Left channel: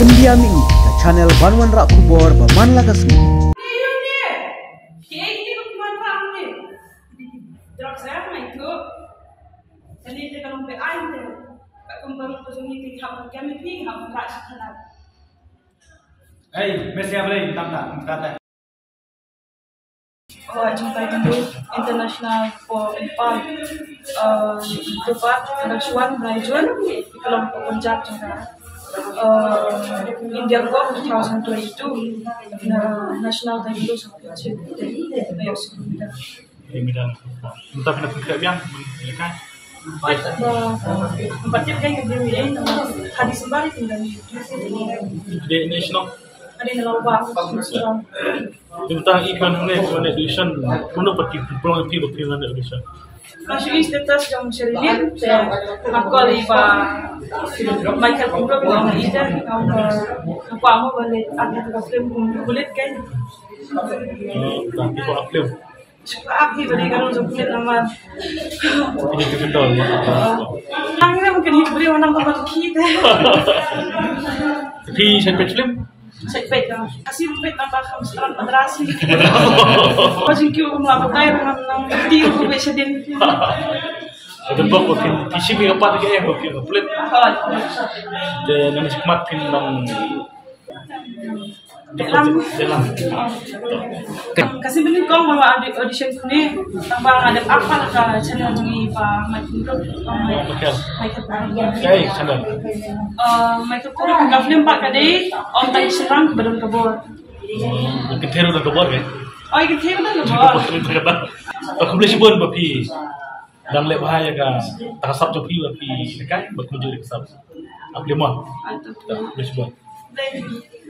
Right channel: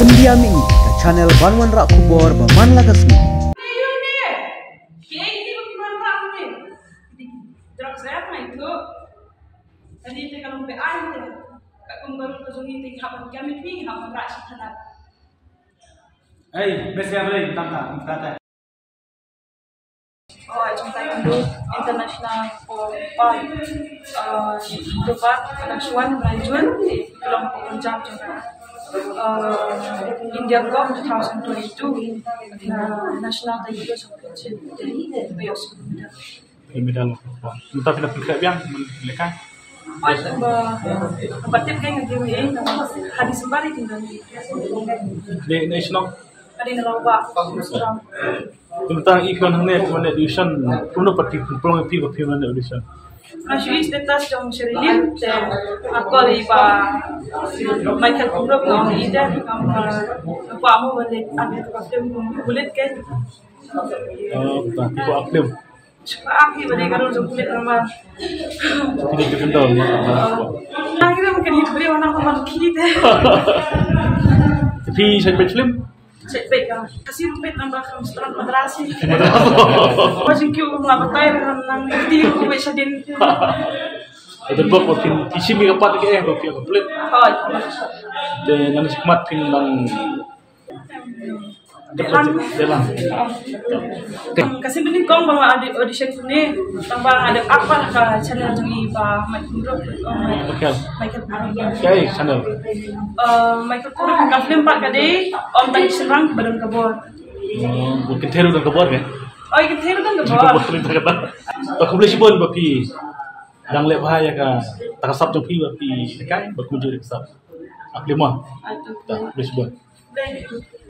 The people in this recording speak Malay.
India Mingi ke channel Banwan Rak Kubor Baman Lagasmi. Hey, Messi apa lagi? Tanta. Oh, jumpa dulu internasional for empat ada Suwan Rajun kelompok Punjab juga India Cup 2022 national Taekwondo Championship ayo sudah Medal. Kita pindah ke yang mereka. Oh, tempat tim kan yang dia hadis sembari tinggal Di national. ada yang lomba Tentang iklan ini mana edition, kuno pati pulang pi mana edition. Masih status yang serius dan aku liba Michael Kumro bilang ida apa mau balik ada film kulit kan Tapi kok film. Aki balik kalau kulit nama Ini kita akhirnya mungkin hidup beli warna apa kita Tapi saya film. Saya baik kan, kasih baik nambah kamstran madrasi. Pasang kau melakukan tayo ng hindi ko bisa din. Ada beberapa film isi mereka pada kayak film kulit. Hoy. Dan nanti semat film Dalam. Kasi bening kong mga audition ko ni tambah ada apa lah ka channel ng iba Michael Kayak channel. Michael Kuro ka film pak kadi om tang serang badon kabor. Mungkin teru dan kebor ya. Oh, ikut hero dan kabor. Aku beli sibon bapi. Dan lep bahaya ka takasap tu pi bapi dekat bakmuju dekat. Aku lima. Aduh. Beli sibon.